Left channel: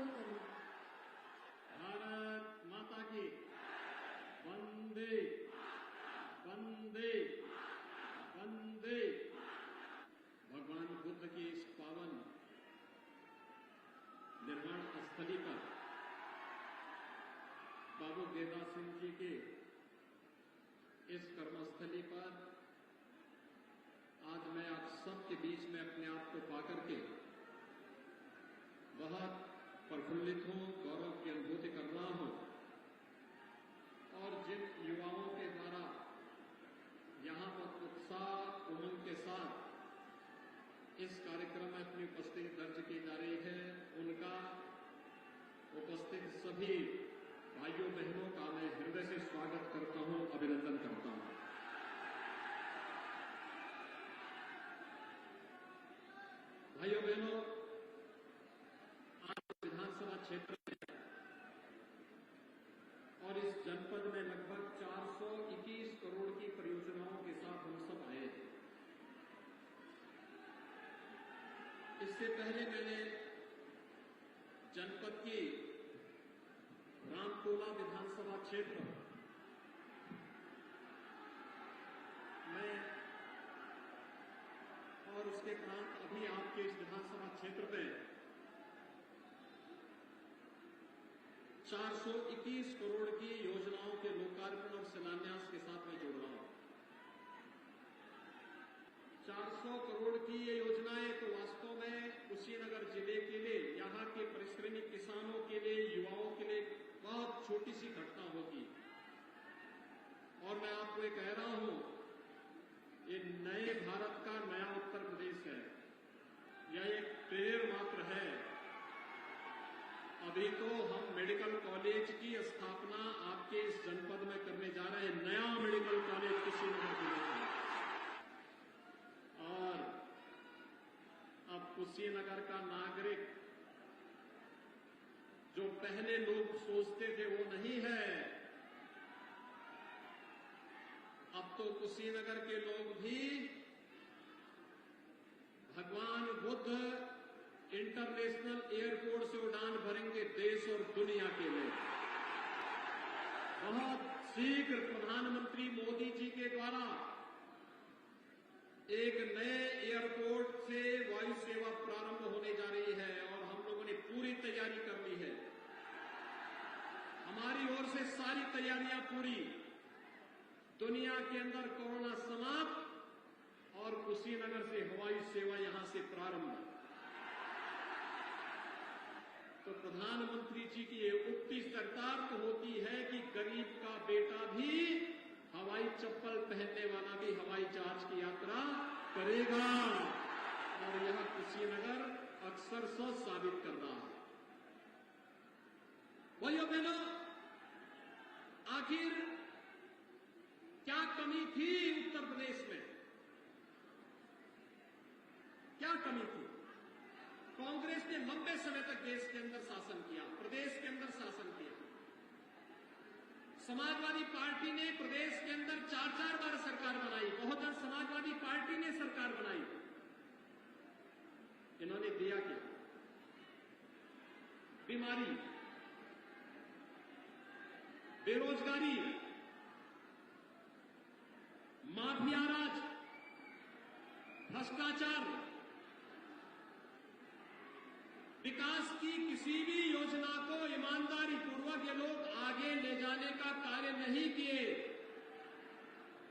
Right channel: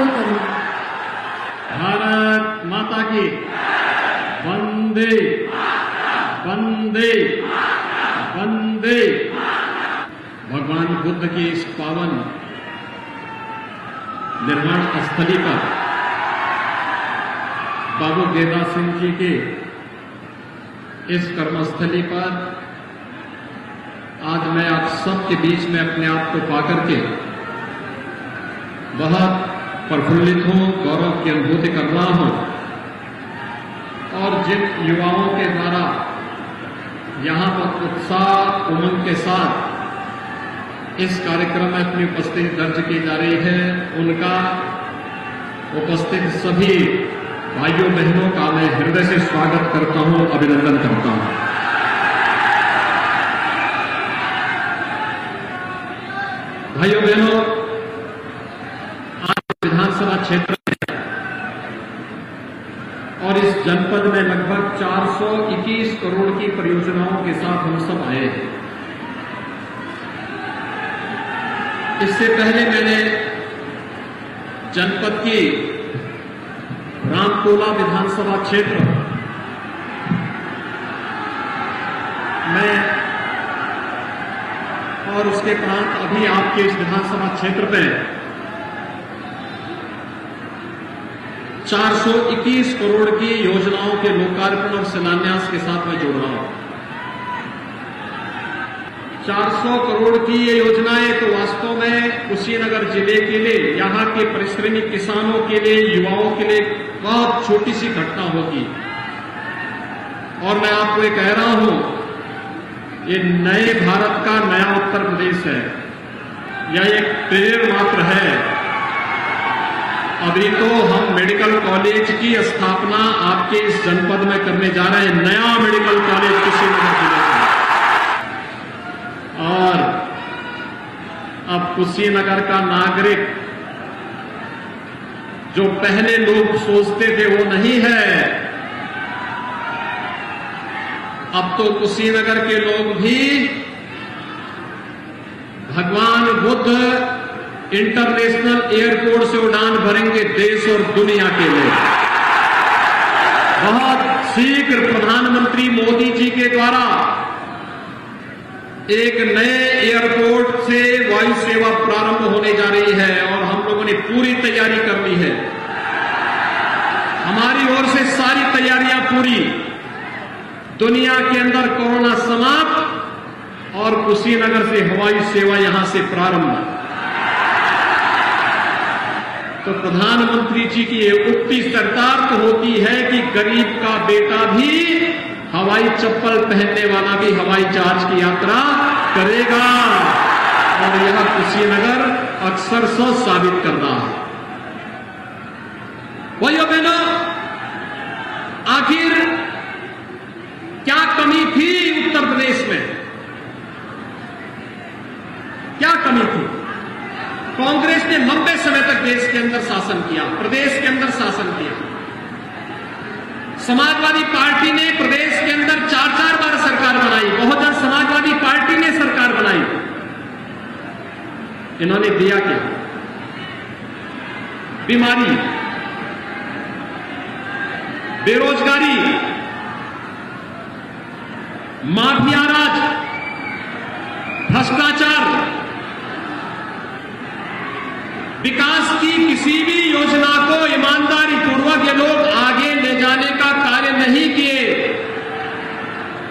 आग्रह करूं। भारत माता की वंदे वंदे वंदे। भगवान बुद्ध की इस पावन निर्वाण स्थली पर बाबू गेरदास सिंह जी के इस कर्मस्थली पर आज मैं आप सबके बीच में अपने आप को पाकर के बहुत प्रफुल्लित हूं, गौरव की अनुभूति कर रहा हूं। और जिन युवाओं के द्वारा यहां पर उत्साह उमंग के साथ इस कार्यक्रम में अपनी उपस्थिति दर्ज की जा रही है, उनका उपस्थित सभी भाइयों बहनों का मैं हृदय से स्वागत करता हूं, अभिनंदन करता हूं। भाइयों बहनों, आज विधानसभा क्षेत्र में और इस जनपद में लगभग 421 करोड़ की परियोजनाओं के साथ हम सब आए हैं। इससे पहले मैंने जनपद की रामकोला विधानसभा क्षेत्र में और उसके प्रांत अभी आपके इस विधानसभा क्षेत्र में 421 करोड़ की योजनाओं के लोकार्पण और शिलान्यास के साथ मैं जोड़ रहा हूं। 400 करोड़ की ये योजनाएं तो वास्तव में कुशीनगर जिले के लिए, यहां के परिश्रमी किसानों के लिए, युवाओं के लिए बहुत छोटी सी घटना होगी। और मैं आपको ये कह रहा हूं, ये नए भारत का नया उत्तर प्रदेश है। यह एक पेड़ मात्र है। अभी तो हम मेडिकल कॉलेज की स्थापना आपके इस जनपद में करने जा रहे हैं, नया मेडिकल कॉलेज कुशीनगर जिले में। और अब कुशीनगर का नागरिक जो पहले लोग सोचते थे वो नहीं है। अब तो कुशीनगर के लोग भी भगवान बुद्ध इंटरनेशनल एयरपोर्ट से उड़ान भरेंगे देश और दुनिया के लिए। बहुत शीघ्र प्रधानमंत्री मोदी जी के द्वारा एक नए एयरपोर्ट से वायु सेवा प्रारंभ होने जा रही है और हम लोगों ने पूरी तैयारी कर ली है। हमारी ओर से सारी तैयारियां पूरी। दुनिया के अंदर कोरोना समाप्त और कुशीनगर से हवाई सेवा यहां से प्रारंभ। तो प्रधानमंत्री जी की ये उक्ति चरितार्थ होती है कि गरीब का बेटा भी, हवाई चप्पल पहनने वाला भी हवाई जहाज की यात्रा करेगा। और यह कुशीनगर अक्सर से साबित कर रहा है। भाइयों बहनों, आखिर क्या कमी थी उत्तर प्रदेश में? क्या कमी थी? कांग्रेस ने लंबे समय तक देश के अंदर शासन किया, प्रदेश के अंदर शासन किया। समाजवादी पार्टी ने प्रदेश के अंदर 4-4 बार सरकार बनाई। बहुजन समाजवादी पार्टी ने सरकार बनाई। इन्होंने दिया क्या? बीमारी, बेरोजगारी, माफिया राज, भ्रष्टाचार। विकास की किसी भी योजना को ईमानदारी पूर्वक ये लोग आगे ले जाने का कार्य नहीं किए।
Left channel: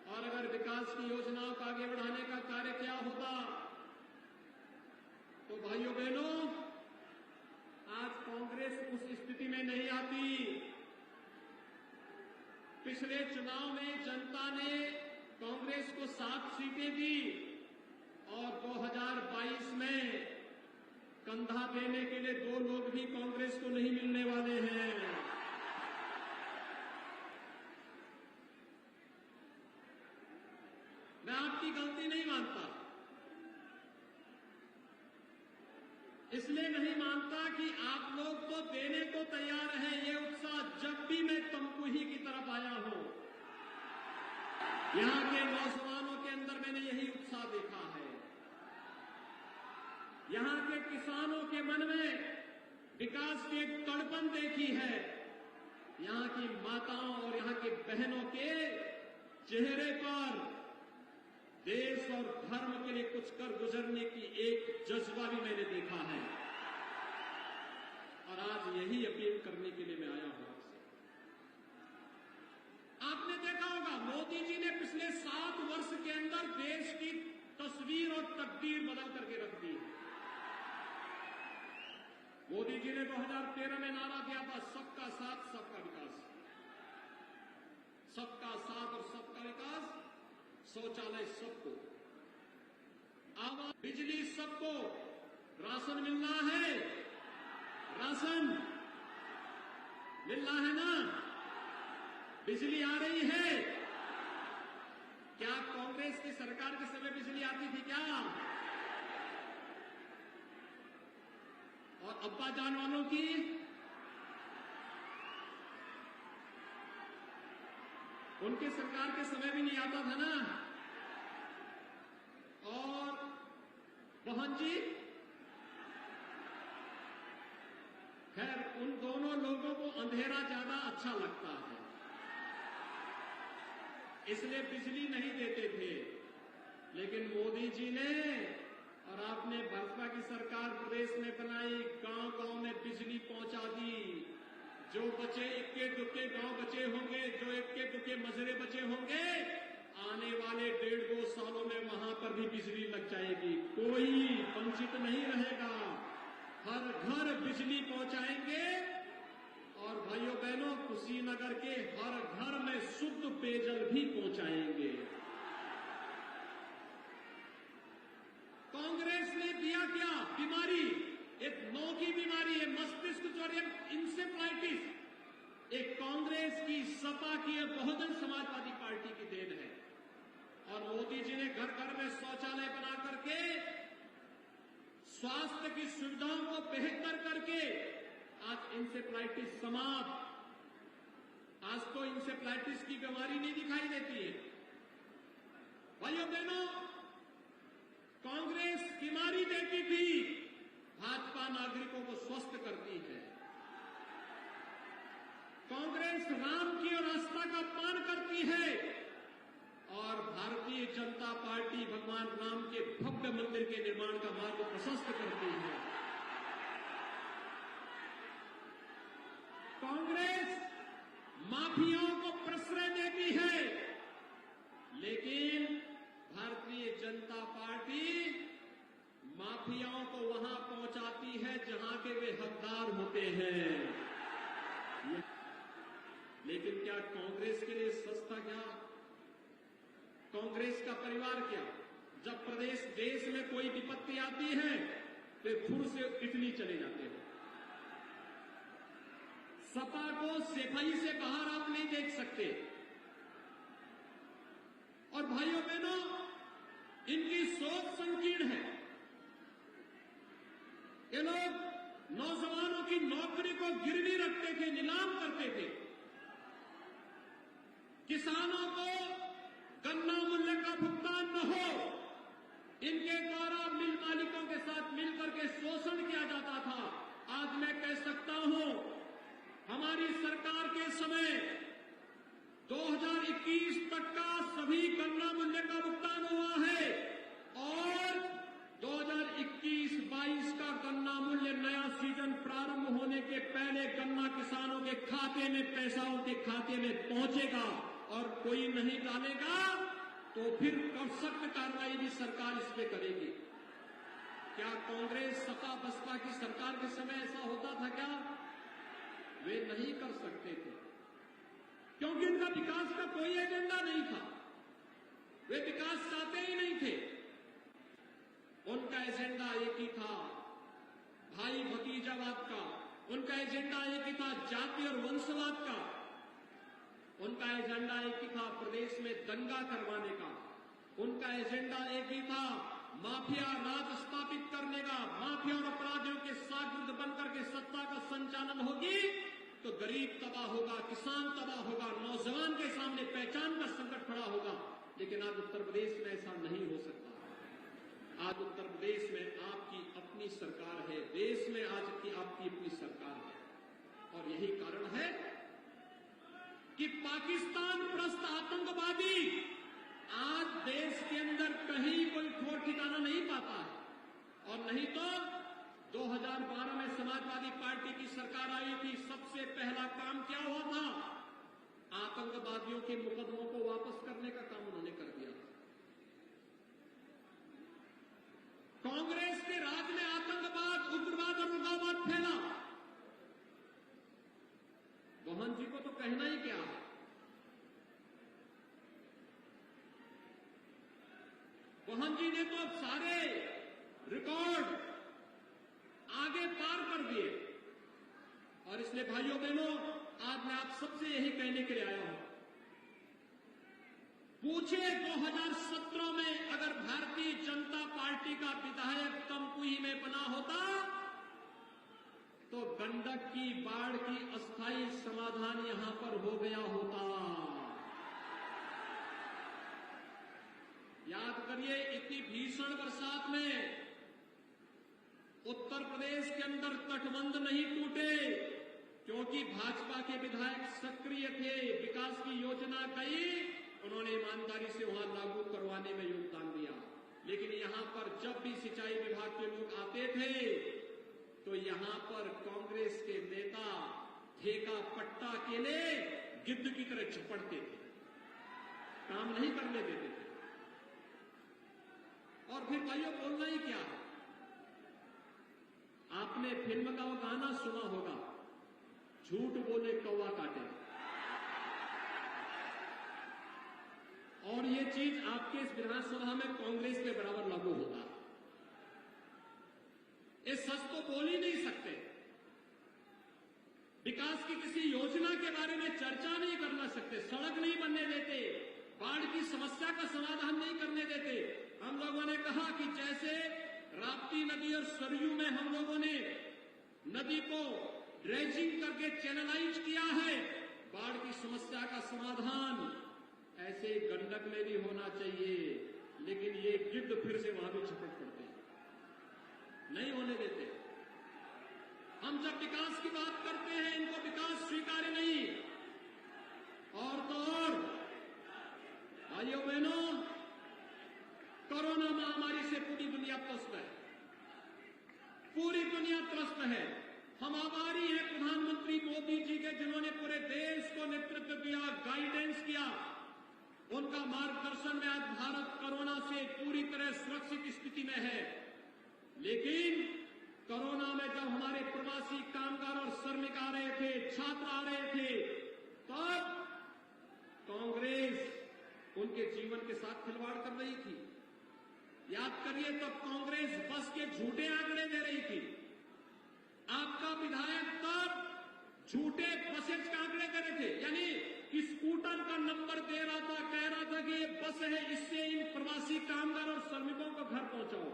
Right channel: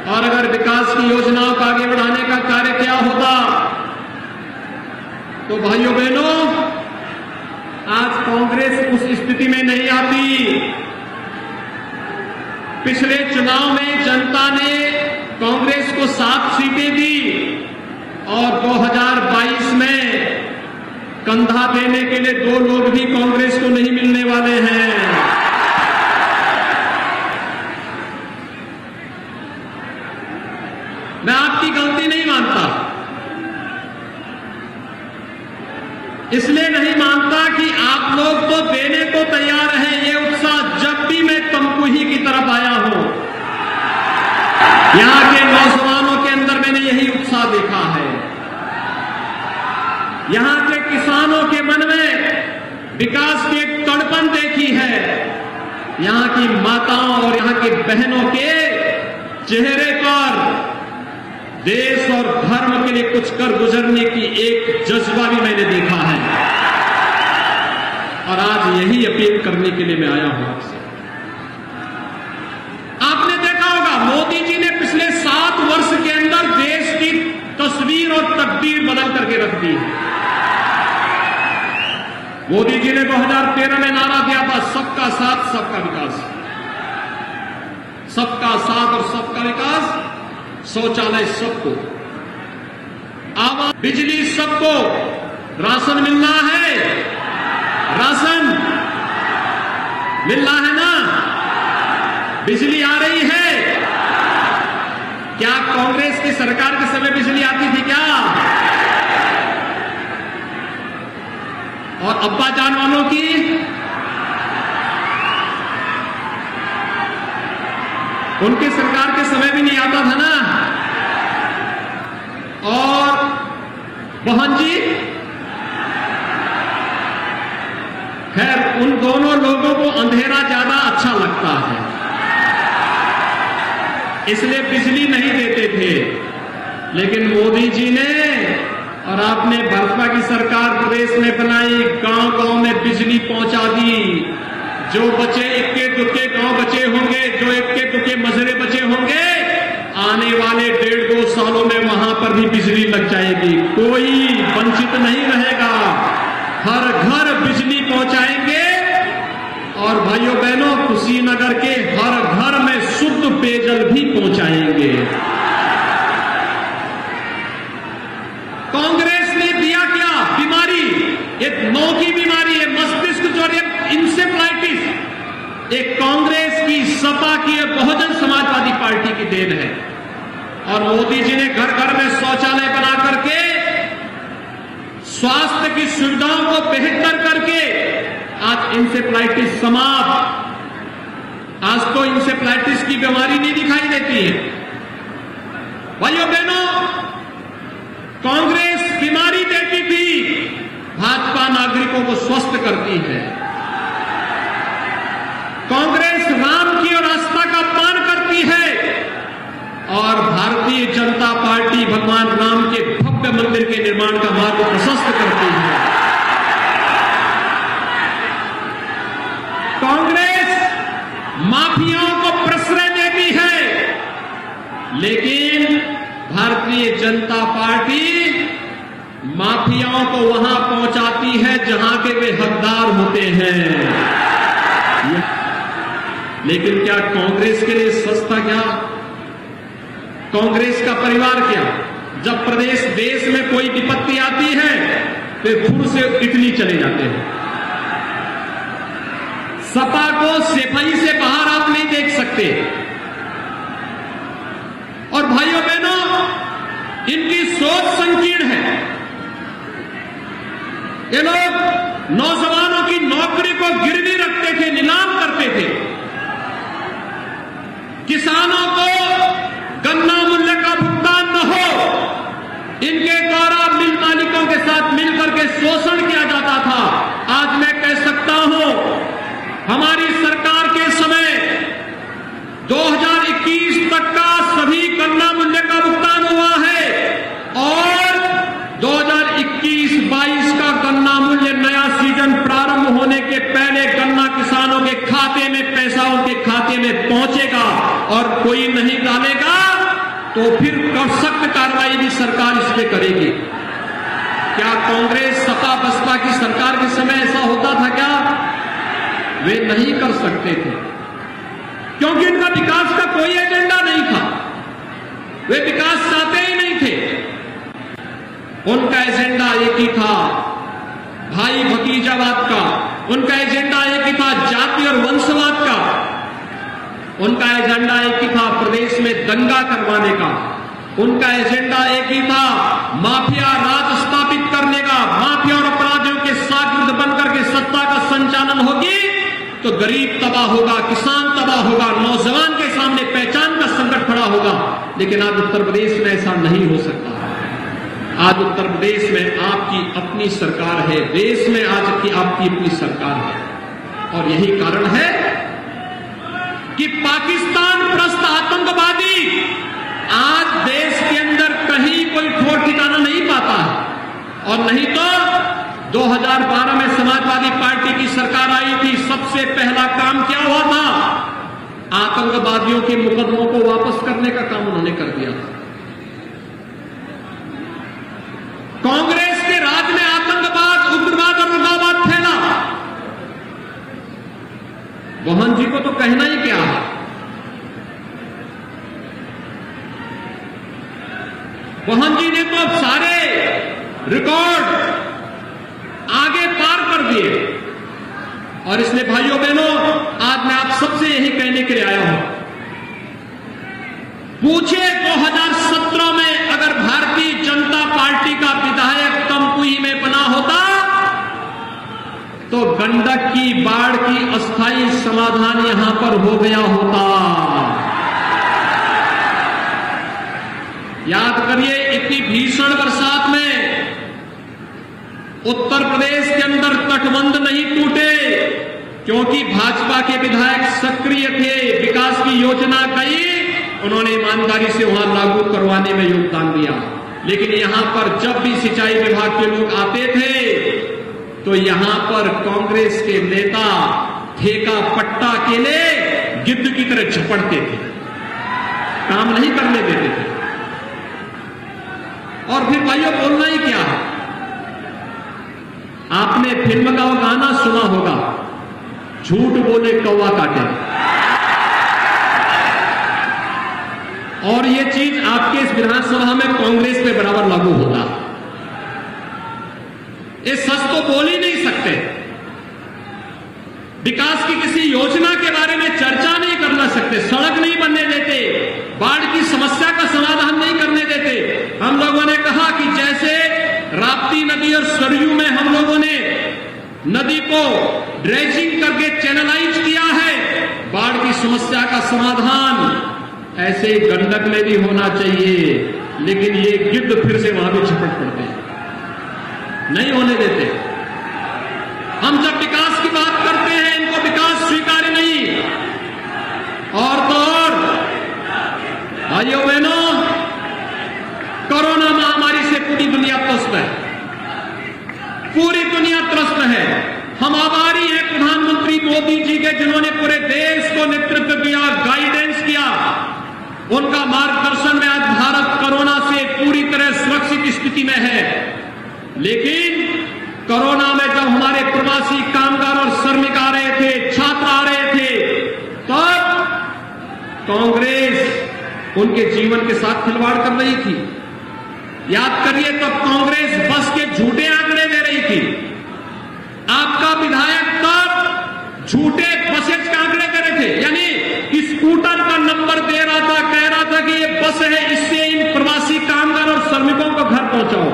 और अगर विकास की योजनाओं को आगे बढ़ाने का कार्य क्या होता, तो भाइयों बहनों, आज कांग्रेस उस स्थिति में नहीं आती। पिछले चुनाव में जनता ने कांग्रेस को 7 सीटें दी और 2022 में कंधा देने के लिए 2 लोग भी कांग्रेस को नहीं मिलने वाले हैं। मैं आपकी गलती नहीं मानता, इसलिए नहीं मानता कि आप लोग तो देने को तैयार हैं। ये उत्साह जब भी मैं तमकुही की तरफ आया हूं, यहां के नौजवानों के अंदर मैंने यही उत्साह देखा है। यहां के किसानों के मन में विकास की एक तड़पन देखी है। यहां की माताओं और यहां की बहनों के चेहरे पर देश और धर्म के लिए कुछ कर गुजरने की एक जज्बा भी मैंने देखा है, और आज यही अपील करने के लिए मैं आया हूं आपसे। आपने देखा होगा मोदी जी ने पिछले 7 वर्ष के अंदर देश की तस्वीर और तकदीर बदल करके रख दी है। मोदी जी ने 2013 में नारा दिया था, सबका साथ सबका विकास, सबका साथ और सबका विकास। शौचालय सबको, आवास, बिजली सबको, राशन मिलना है, राशन मिलना है ना, बिजली आ रही है। क्या कांग्रेस की सरकार के समय बिजली आती थी क्या? और अब्बा जान वालों की उनकी सरकार के समय भी नहीं आता था ना। और बहन जी, खैर उन दोनों लोगों को अंधेरा ज्यादा अच्छा लगता है, इसलिए बिजली नहीं देते थे। लेकिन मोदी जी ने और आपने भाजपा की सरकार प्रदेश में बनाई, गांव-गांव में बिजली पहुंचा दी। जो बचे इक्के दुक्के गांव बचे होंगे, जो इक्के दुक्के मजरे बचे होंगे, आने वाले 1.5-2 सालों में वहां पर भी बिजली लग जाएगी। कोई वंचित नहीं रहेगा, हर घर बिजली पहुंचाएंगे। और भाइयों बहनों, कुशीनगर के हर घर में शुद्ध पेयजल भी पहुंचाएंगे। कांग्रेस ने दिया क्या? बीमारी, एक नौ की बीमारी है, मस्तिष्क ज्वर, इंसेफ्लाइटिस। एक कांग्रेस की, सपा की, बहुजन समाजवादी पार्टी की देन है। और मोदी जी ने घर घर में शौचालय बना करके, स्वास्थ्य की सुविधाओं को बेहतर करके आज इंसेफ्लाइटिस समाप्त। आज तो इंसेफ्लाइटिस की बीमारी नहीं दिखाई देती है। भाइयों बहनों, कांग्रेस बीमारी देती थी, भाजपा नागरिकों को स्वस्थ करती है। कांग्रेस राम की और आस्था का अपमान करती है, और भारतीय जनता पार्टी भगवान राम के भव्य मंदिर के निर्माण का मार्ग प्रशस्त करती है। कांग्रेस माफियाओं को प्रश्रय देती है, लेकिन भारतीय जनता पार्टी माफियाओं को वहां पहुंचाती है जहां के वे हकदार होते हैं। लेकिन क्या कांग्रेस के लिए सस्ता क्या? कांग्रेस का परिवार क्या? जब प्रदेश देश में कोई विपत्ति आती है वे फुर से इटली चले जाते हैं। सपा को सिपाही से बाहर आप नहीं देख सकते। और भाइयों बहनों, इनकी सोच संकीर्ण है। ये लोग नौजवानों की नौकरी को गिरवी रखते थे, नीलाम करते थे। किसानों को गन्ना मूल्य का भुगतान न हो, इनके द्वारा मिल मालिकों के साथ मिलकर के शोषण किया जाता था। आज मैं कह सकता हूं, हमारी सरकार के समय 2021 तक का सभी गन्ना मूल्य का भुगतान हुआ है, और 2021-22 का गन्ना मूल्य नया सीजन प्रारंभ होने के पहले गन्ना किसानों के खाते में पैसा उनके खाते में पहुंचेगा। और कोई नहीं डालेगा तो फिर सख्त कार्रवाई भी सरकार इस पे करेगी। क्या कांग्रेस सपा बसपा की सरकार के समय ऐसा होता था क्या? वे नहीं कर सकते थे, क्योंकि उनका विकास का कोई एजेंडा नहीं था। वे विकास चाहते ही नहीं थे। उनका एजेंडा एक ही था, भाई भतीजावाद का। उनका एजेंडा एक ही था, जाति और वंशवाद का। उनका एजेंडा एक ही था, प्रदेश में दंगा करवाने का। उनका एजेंडा एक ही था, माफिया राज स्थापित करने का। माफिया और अपराधियों के शागिर्द बनकर के सत्ता का संचालन होगी तो गरीब तबाह होगा, किसान तबाह होगा, नौजवान के सामने पहचान का संकट खड़ा होगा। लेकिन आज उत्तर प्रदेश में ऐसा नहीं हो सकता। आज उत्तर प्रदेश में आपकी अपनी सरकार है, देश में आज की आपकी अपनी सरकार है। और यही कारण है कि पाकिस्तान प्रस्त आतंकवादी आज देश के अंदर कहीं कोई ठोर ठिकाना नहीं पाता है। और नहीं तो 2012 में समाजवादी पार्टी की सरकार आई थी, सबसे पहला काम क्या हुआ था? आतंकवादियों के मुकदमों को वापस करने का काम उन्होंने कर दिया था। कांग्रेस के राज में आतंकवाद, उग्रवाद और उग्रवाद फैला। मोहन जी को तो कहना ही क्या है। मोहन जी ने तो सारे रिकॉर्ड आगे पार कर दिए। और इसलिए भाइयों बहनों, आज मैं आप सबसे यही कहने के लिए आया हूं, पूछे 2017 में अगर भारतीय जनता पार्टी का विधायक तमकुही में बना होता तो गंडक की बाढ़ की अस्थायी समाधान यहां पर हो गया होता। याद करिए, इतनी भीषण बरसात में उत्तर प्रदेश के अंदर तटबंध नहीं टूटे क्योंकि भाजपा के विधायक सक्रिय थे। विकास की योजना कई उन्होंने ईमानदारी से वहां लागू करवाने में योगदान दिया। लेकिन यहां पर जब भी सिंचाई विभाग के लोग आते थे तो यहां पर कांग्रेस के नेता ठेका पट्टा के लिए गिद्ध की तरह झपटते थे, काम नहीं करने देते थे। और फिर भाइयों, बोलना ही क्या है? आपने फिल्म का गाना सुना होगा, झूठ बोले कौवा काटे। और ये चीज आपके इस विधानसभा में कांग्रेस पे बराबर लागू होगा। ये सच तो बोल ही नहीं सकते। विकास की किसी योजना के बारे में चर्चा नहीं करना सकते, सड़क नहीं बनने देते, बाढ़ की समस्या का समाधान नहीं करने देते। हम लोगों ने कहा कि जैसे राप्ती नदी और सरयू में हम लोगों ने नदी को ड्रेजिंग करके चैनलाइज किया है, बाढ़ की समस्या का समाधान ऐसे गंडक में भी होना चाहिए। लेकिन ये गिद्ध फिर से वहां भी झपट पड़ते हैं, नहीं होने देते। हम जब विकास की बात करते हैं, इनको विकास स्वीकार्य नहीं। और तो और भाइयों बहनों, कोरोना महामारी से पूरी दुनिया त्रस्त है, पूरी दुनिया त्रस्त है। हम आभारी हैं प्रधानमंत्री मोदी जी के, जिन्होंने पूरे देश को नेतृत्व किया, गाइडेंस किया। उनका मार्गदर्शन में आज भारत कोरोना से पूरी तरह सुरक्षित स्थिति में है। लेकिन कोरोना में जब हमारे प्रवासी कामगार और श्रमिक आ रहे थे, छात्र आ रहे थे, तब कांग्रेस उनके जीवन के साथ खिलवाड़ कर रही थी। याद करिए, तब कांग्रेस बस के झूठे आंकड़े दे रही थी। आपका विधायक तब झूठे बसेज के आंकड़े दे रहे थे, यानी स्कूटर का नंबर दे रहा था, कह रहा था कि ये बस है, इससे इन प्रवासी कामगार और श्रमिकों को घर पहुंचाओ।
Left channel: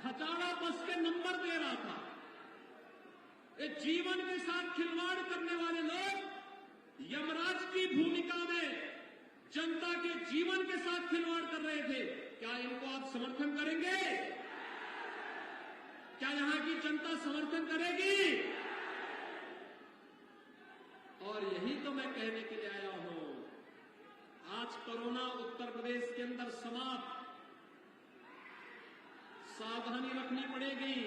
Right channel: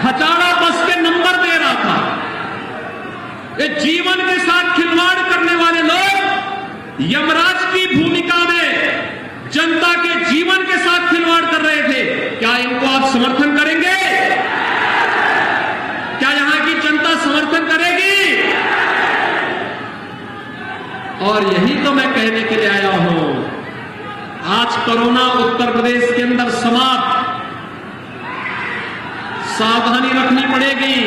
खचाड़ा बस के नंबर दे रहा था। ये जीवन के साथ खिलवाड़ करने वाले लोग यमराज की भूमिका में जनता के जीवन के साथ खिलवाड़ कर रहे थे। क्या इनको आप समर्थन करेंगे? क्या यहां की जनता समर्थन करेगी? और यही तो मैं कहने के लिए आया हूं। आज कोरोना उत्तर प्रदेश के अंदर समाप्त, सावधानी रखनी पड़ेगी।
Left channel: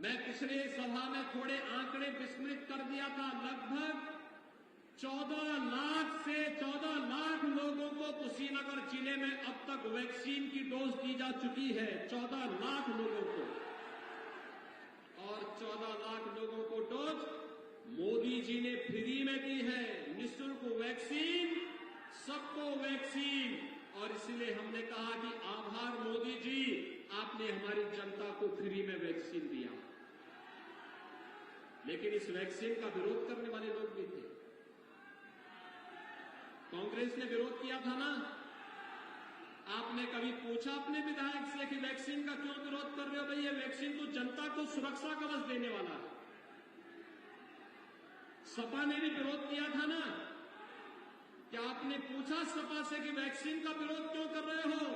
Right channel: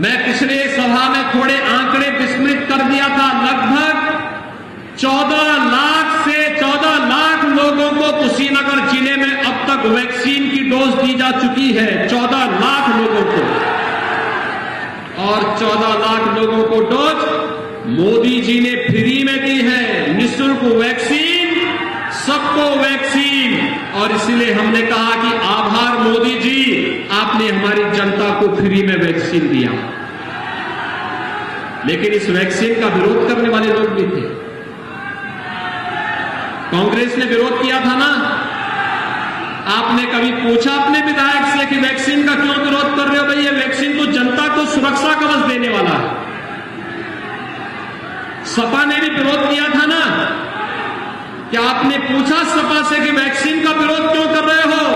मैं पिछले सभा में थोड़े आंकड़े विस्मृत कर दिया था। लगभग 14 लाख से 14 लाख लोगों को कुशीनगर जिले में अब तक वैक्सीन की डोज दी जा चुकी है। 14 लाख लोगों को, और 14 लाख लोगों को डोज मोदी जी ने फ्री में दी है। निःशुल्क वैक्सीन, सबको वैक्सीन। और इसलिए हमने कहा कि आभार मोदी जी, आपने हमारी जनता को फ्री में वैक्सीन दिया। लेकिन इस वैक्सीन का विरोध करने वाले लोग भी थे। कांग्रेस ने विरोध किया था ना। आपने कभी पूछा अपने विधायक से कि वैक्सीन का क्यों विरोध कर रहे हो? भाई, ये वैक्सीन तो जनता को सुरक्षा कवच देने वाला है। सपा ने भी विरोध किया था ना क्या आपने पूछा सपा से कि वैक्सीन का विरोध क्यों कर रहे हो?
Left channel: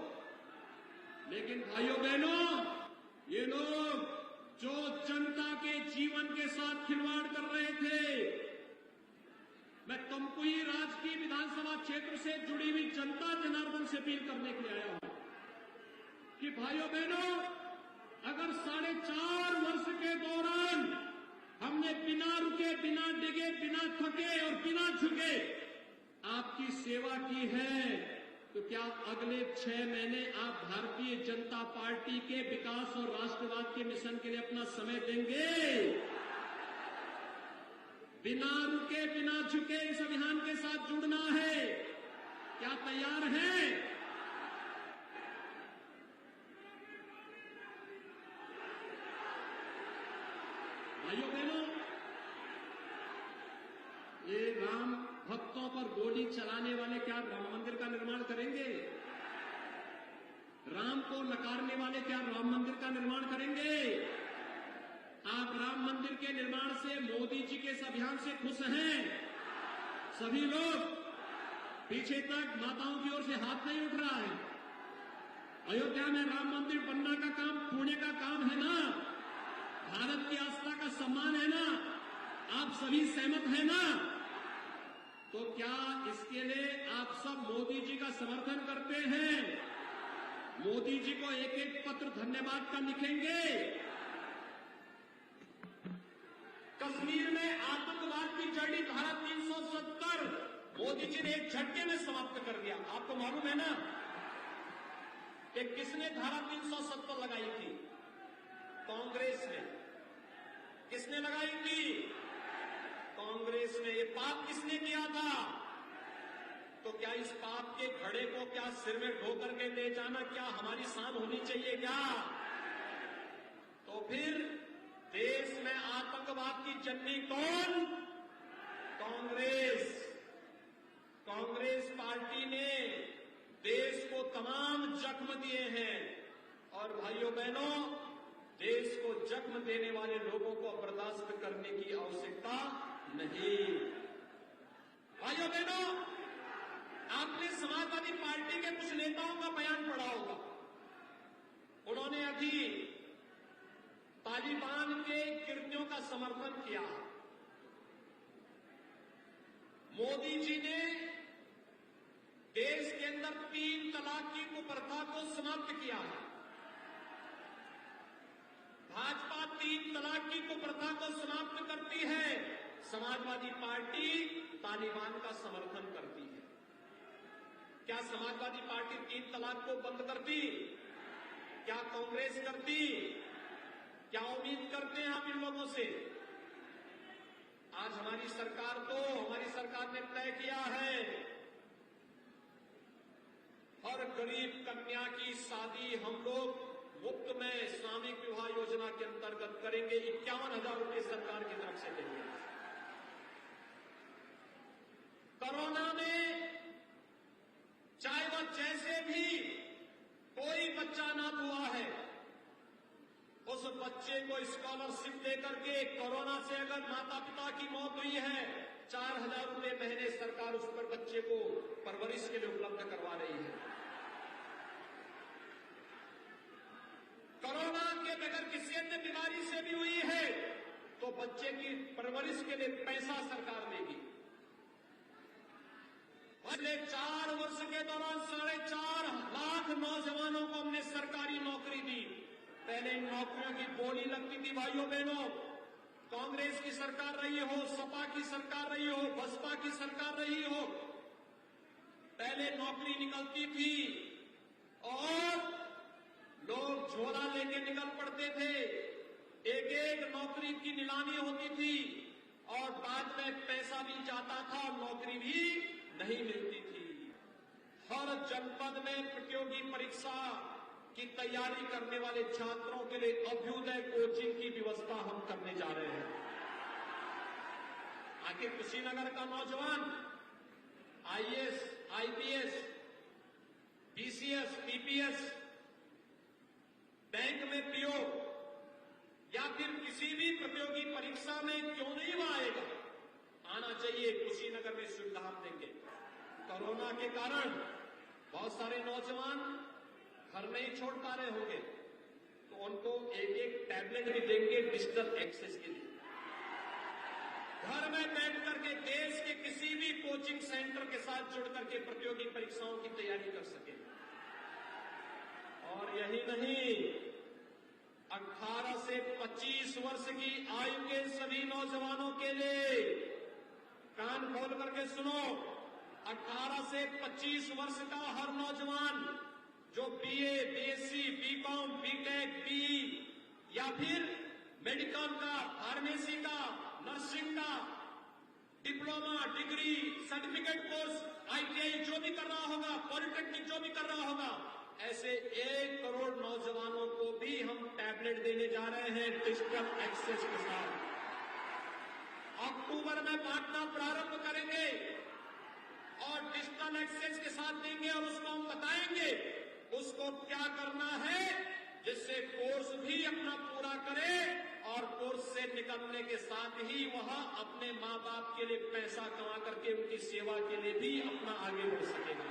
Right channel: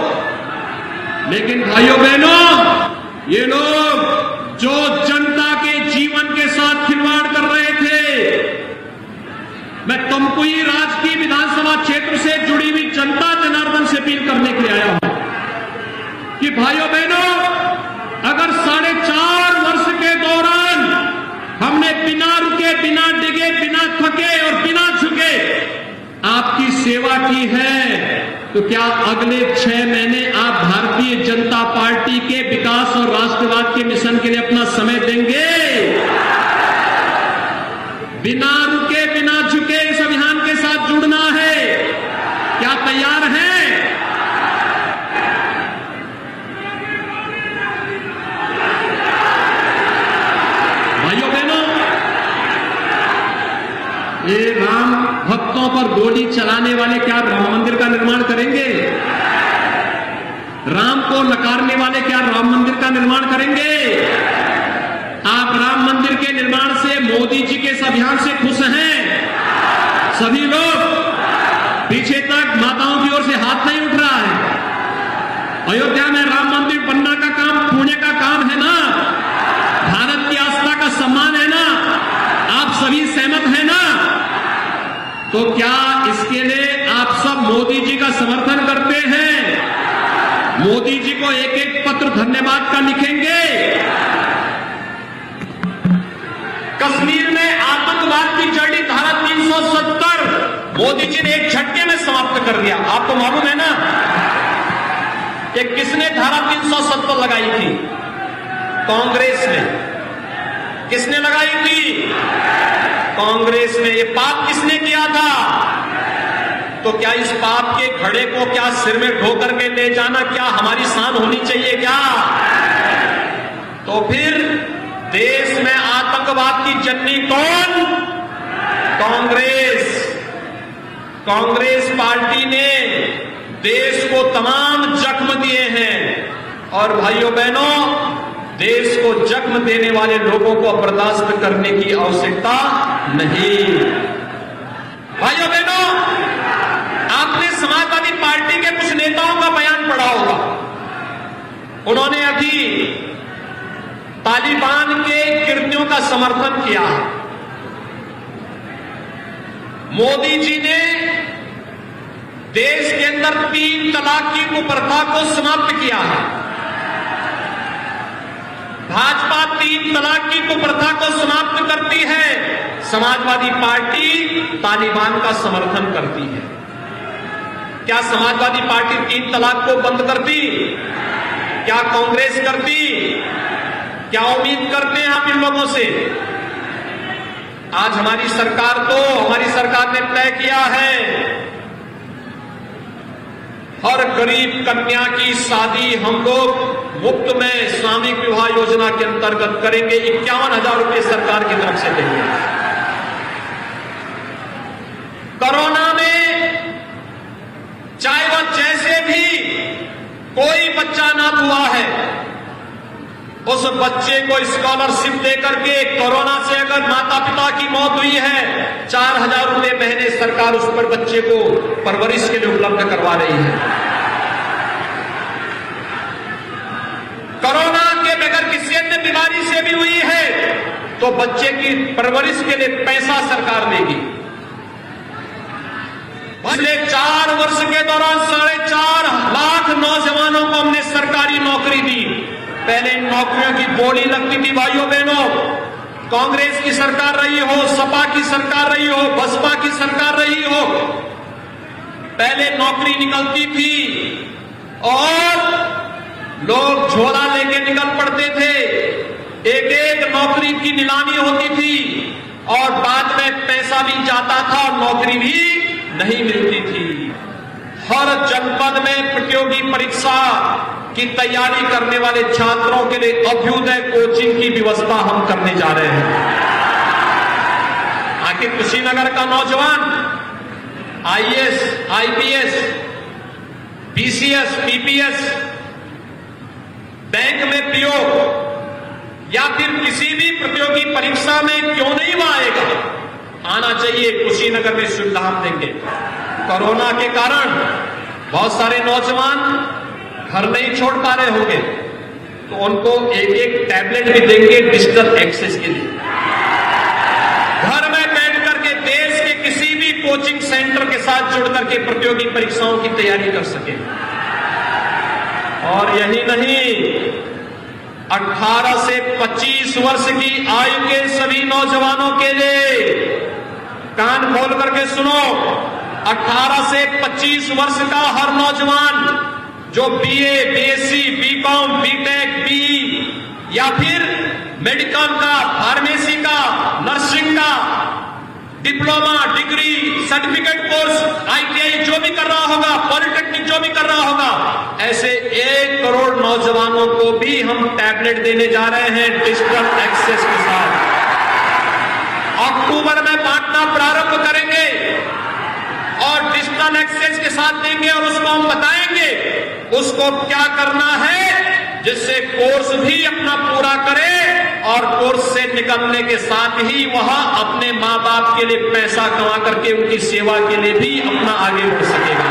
लेकिन भाइयों बहनों, ये लोग जो जनता के जीवन के साथ खिलवाड़ कर रहे थे, मैं तमकुही राजकीय विधानसभा क्षेत्र से जुड़ी हुई जनता जनार्दन से अपील करने के लिए आया हूं कि भाइयों बहनों, अगर 4.5 वर्ष के दौरान हमने बिना रुके, बिना डिगे, बिना थके और बिना झुके आपकी सेवा की है, तो क्या अगले 6 महीने आप भारतीय जनता पार्टी के विकास और राष्ट्रवाद के मिशन के लिए अपना समय देंगे? बिना रुके, बिना झुके इस अभियान के साथ जुड़ना है, क्या तैयार हैं? भाइयों बहनों, ये राम भक्तों पर गोली चलाने वाले क्या राम मंदिर का निर्माण करेंगे? राम को नकारने वाले क्या राम मंदिर का निर्माण करेंगे? आप राम मंदिर के निर्माण से, मोदी जी के इस अभियान से खुश हैं? सभी लोग पीछे तक माताओं की ओर से हाथ नहीं उठ रहा है। अयोध्या में राम मंदिर बनना का काम पुण्य का काम है ना? भारत की आस्था का सम्मान है ना? आप सभी सहमत हैं ना? तो क्या इसके लिए आप सब मोदी जी का समर्थन करते हैं? मोदी जी को एक एक पत्र धन्यवाद का लिखेंगे? कश्मीर में आतंकवाद की जड़ी धारा 370 मोदी जी ने एक झटके में समाप्त कर दिया। आपको मालूम है ना कि किसने धारा 370 लगाई थी? कांग्रेस ने। किसने लगाई थी? कांग्रेस ने। ये पाप किसने किया था? तो क्या इस पाप के घड़े को क्या सिर में ढो करके ले जाना क्या हमारी शान होनी चाहिए क्या? तो फिर देश में आतंकवाद की जननी कौन? कांग्रेस। कांग्रेस पार्टी ने देश को तमाम जख्म दिए हैं और भाइयों बहनों, देश को जख्म देने वाले लोगों को बर्दाश्त करने की आवश्यकता नहीं। भाइयों बहनों, आपने समाजवादी पार्टी के कुछ नेताओं का बयान पढ़ा होगा। उन्होंने अभी तालिबान के कृत्यों का समर्थन किया है। मोदी जी ने देश के अंदर 3 तलाक की कुप्रथा को समाप्त किया है। भाजपा 3 तलाक की कुप्रथा को समाप्त करती है, समाजवादी पार्टी तालिबान का समर्थन करती है। क्या समाजवादी पार्टी 3 तलाक को बंद करती? क्या कांग्रेस करती? क्या उम्मीद करते हैं आप इन लोगों से? आज हमारी सरकार ने तय किया है हर गरीब कन्या की शादी हम लोग मुफ्त में सामूहिक विवाह योजना के अंतर्गत करेंगे। 51,000 रुपए सरकार की तरफ से देंगे। कोरोना में चाहे वह जैसे भी कोई बच्चा ना हुआ है, उस बच्चे को स्कॉलरशिप देकर के कोरोना से अगर माता पिता की मौत हुई है, 4,000 रुपए महीने सरकार उस पर बच्चे को परवरिश के लिए उपलब्ध करवा रही है। कोरोना के बगैर किसी अन्य बीमारी से भी हुई है तो बच्चे की परवरिश के लिए पैसा सरकार देगी। पिछले 4 वर्ष के दौरान 4.5 लाख नौजवानों को हमने सरकारी नौकरी दी। पहले इन नौकरियों की बोली लगती थी भाइयों बहनों, कांग्रेस की सरकार रही हो, सपा की सरकार रही हो, बसपा की सरकार रही हो, पहले नौकरी निकलती थी और लोग झोला लेके निकल पड़ते थे। एक एक नौकरी की नीलामी होती थी और बाद में पैसा भी जाता था और नौकरी भी नहीं मिलती थी। हर जनपद में प्रतियोगी परीक्षा की तैयारी करने वाले छात्रों के लिए अभ्युदय कोचिंग की व्यवस्था हम करने जा रहे हैं। आखिर कुशीनगर का नौजवान IAS, IPS, BCS, PPS, bank में पीओ या फिर किसी भी प्रतियोगी परीक्षा में क्यों नहीं वो आएगा? आना चाहिए। कुशीनगर में सुविधा हम देंगे। कोरोना के कारण बहुत सारे नौजवान घर नहीं छोड़ पा रहे होंगे, तो उनको एक एक टैबलेट भी देंगे डिजिटल एक्सेस के लिए। घर में बैठ करके देश के किसी भी कोचिंग सेंटर के साथ जुड़ करके प्रतियोगी परीक्षाओं की तैयारी कर सके। और यही नहीं, 18 से 25 वर्ष की आयु के सभी नौजवानों के लिए, कान खोल करके सुनो, 18 से 25 वर्ष का हर नौजवान जो BA, BSc, BCom, BTech, BE या फिर मेडिकल का, फार्मेसी का, नर्सिंग का, diploma, degree, certificate course, ITI जो भी कर रहा होगा, पॉलिटेक्निक जो भी कर रहा होगा, ऐसे 1 करोड़ नौजवानों को भी हम टैबलेट देने जा रहे हैं डिजिटल एक्सेस के साथ। अक्टूबर में बांटना प्रारंभ करेंगे और डिजिटल एक्सेस के साथ देंगे और उसको हम बताएंगे उसको क्या करना है, जिससे कोर्स भी अपना पूरा करे और कोर्स से निकलने के साथ ही वह अपने मां बाप के लिए पैसा कमा करके उनकी सेवा के लिए भी अपना आगे बढ़ सकेगा।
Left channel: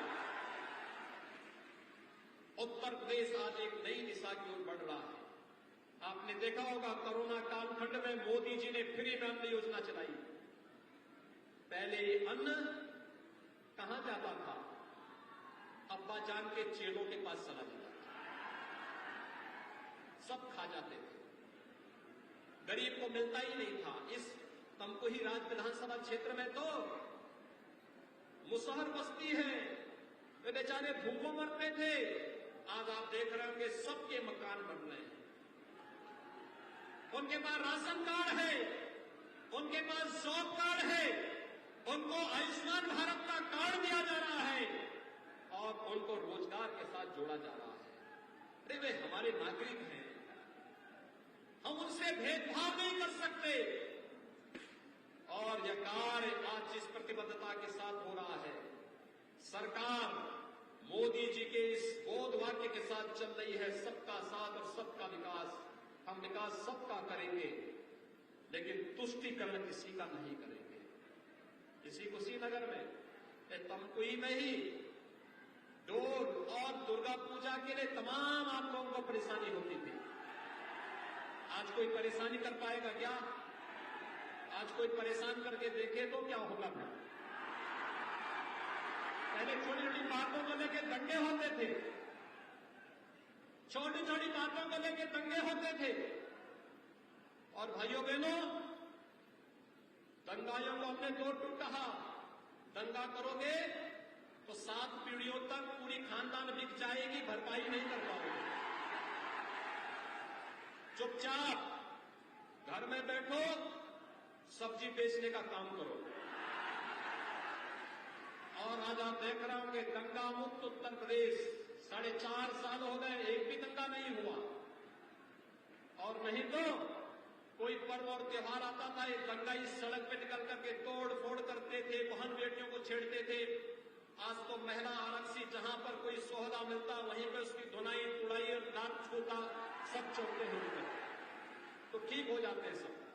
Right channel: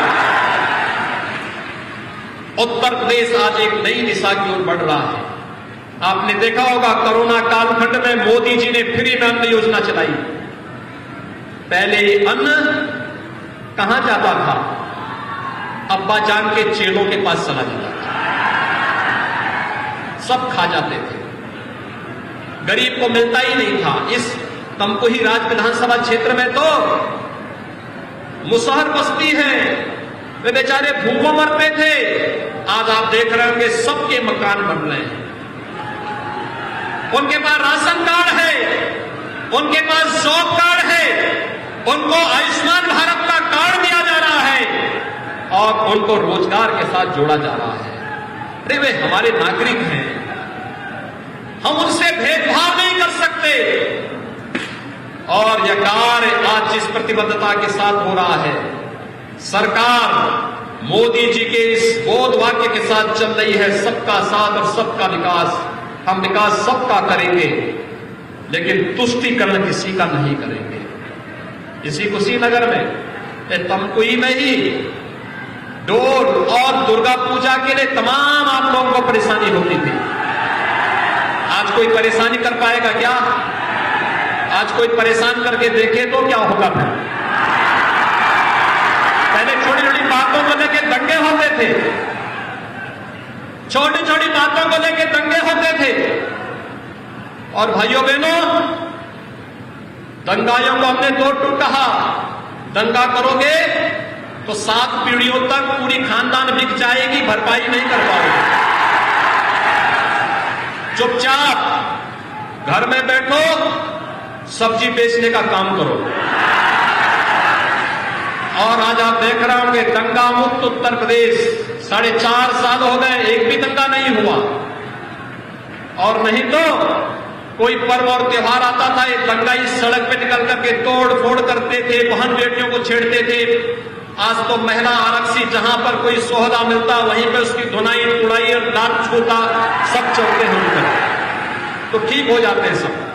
उत्तर प्रदेश आज एक नई दिशा की ओर बढ़ रहा है। आपने देखा होगा कोरोना कालखंड में मोदी जी ने फ्री में अन्न योजना चलाई। पहले अन्न कहां जाता था? अब्बा जान के चेलों के पास चला जाता था, सब खा जाते थे, गरीब को मिलता ही नहीं था। इस तमकुही राज विधानसभा क्षेत्र में तो मुसहर बस्ती है, वे बेचारे भूखों मरते थे। आज आप देख रहे होंगे सबके मकान बन रहे हैं, उनके पास राशन कार्ड है, उनके पास जॉब कार्ड है, उनको आयुष्मान भारत का कार्ड दिया जा रहा है और उनको रोजगार के साथ जोड़ा जा रहा है। अरे वे हमारे नागरिक हैं, हम उनसे भेदभाव नहीं कर सकते। और यह कार्य आज जिस प्रतिबद्धता के साथ हो रहा है, सरकार मोदी जी के इस बोध वाक्य के साथ चल रही है, सबका साथ और सबका विकास। हम विकास सबका करेंगे, लेकिन तुष्टीकरण किसी का नहीं करेंगे। इसी कुशीनगर में, तमकुही में ही डोल और दुर्गा पूजा के लिए तमाम आप लोगों को परेशानी होती थी। आज कोई परेशानी कर पाएगा क्या? आज कोई परेशान करके देखे तो क्या होगा? फिर पहले छोटी छोटी बातों को लेकर दंगे होते थे, छोटी छोटी बातों को लेकर दंगे होते थे। और भाइयों बहनों, दंगाइयों को हमने दो टूक कहा, दंगा करोगे तो 7 पीढ़ियों तक पूरी खानदान बिक जाएगी, भरपाई नहीं कर पाओगे। चुपचाप घर में बैठो, सब्जी बेचने का काम करो। और आज आप देख रहे होंगे दंगा मुक्त उत्तर प्रदेश, 4.5 साल हो गए, एक भी दंगा नहीं हुआ। और नहीं तो कोई पर्व और त्योहार आता था, ये दंगाई सड़क पे निकल करके तोड़ फोड़ करते थे, बहन बेटियों को छेड़ते थे। आज तो महिला आरक्षी जहां पर कोई सोहदा मिलता वहीं पे उसकी धुनाई उड़ाई और दांत छूता सब चलते हैं उनका, तो ठीक हो जाते हैं सब।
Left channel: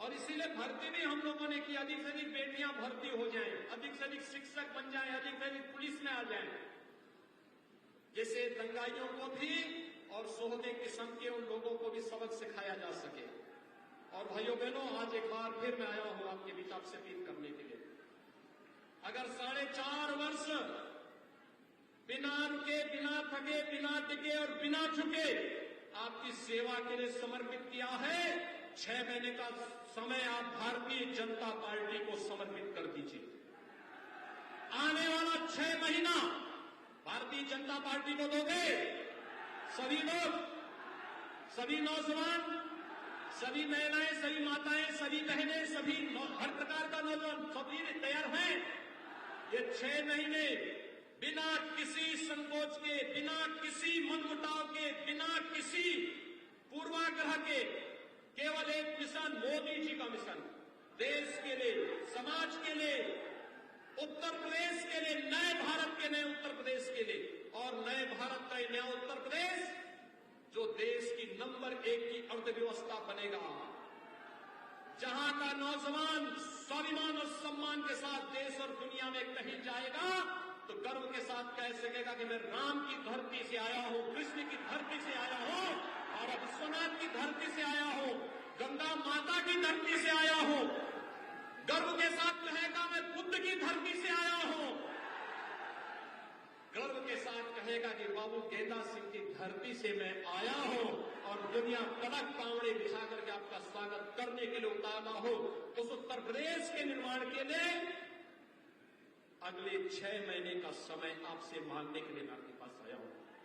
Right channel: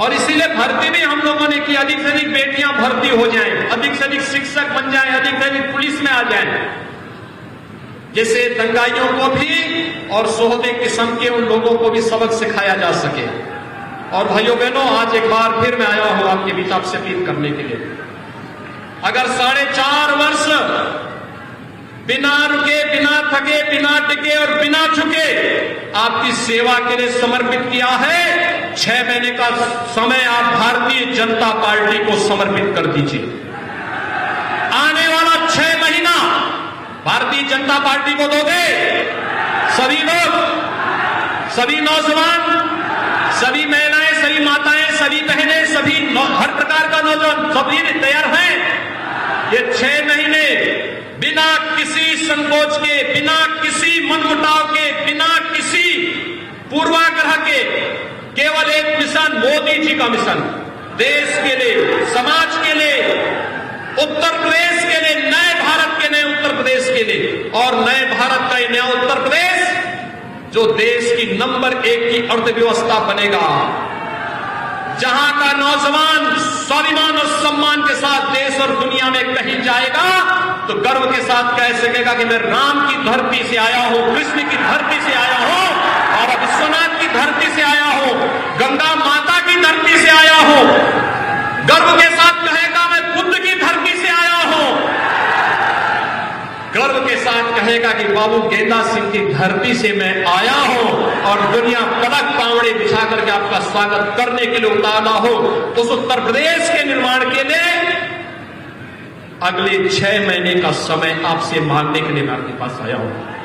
और इसीलिए भर्ती भी हम लोगों ने की, अधिक से अधिक बेटियां भर्ती हो जाएं, अधिक से अधिक शिक्षक बन जाएं, अधिक से अधिक पुलिस में आ जाएं, जिससे दंगाइयों को भी और सोहदे किस्म के उन लोगों को भी सबक सिखाया जा सके। और भाइयों बहनों, आज एक बार फिर मैं आया हूं आपके बीच आपसे अपील करने के लिए। अगर 4.5 वर्ष बिना रुके, बिना थके, बिना टिके और बिना झुके आपकी सेवा के लिए समर्पित किया है, 6 महीने का समय आप भारतीय जनता पार्टी को समर्पित कर दीजिए। आने वाला 6 महीना भारतीय जनता पार्टी को दोगे। सभी लोग, सभी नौजवान, सभी महिलाएं, सभी माताएं, सभी बहनें, सभी हर प्रकार का नौजवान सभी तैयार हैं। ये 6 महीने बिना किसी संकोच के, बिना किसी मनमुटाव के, बिना किसी पूर्वाग्रह के, केवल एक मिशन, मोदी जी का मिशन, देश के लिए, समाज के लिए, उत्तर प्रदेश के लिए, नए भारत के नए उत्तर प्रदेश के लिए, और नए भारत का नया उत्तर प्रदेश जो देश की नंबर 1 की अर्थव्यवस्था बनेगा, जहां का नौजवान स्वाभिमान और सम्मान के साथ देश और दुनिया में कहीं जाएगा तो गर्व के साथ कह सकेगा कि मैं राम की धरती से आया हूं, कृष्ण की धरती से आया हूं, और विश्वनाथ की धरती से आया हूं, गंगा माता की धरती से आया हूं। गर्व के साथ कहेगा मैं बुद्ध की धरती से आया हूं। गर्व के साथ कहेगा कि बाबू गेंदा सिंह की धरती से मैं आया हूं, और दुनिया पलक पावड़े बिछा करके आपका स्वागत करने के लिए उतारा हो। उस उत्तर प्रदेश के निर्माण के लिए अगले 6 महीने का समय आपसे मांगने के लिए मैं आपके पास आया हूं।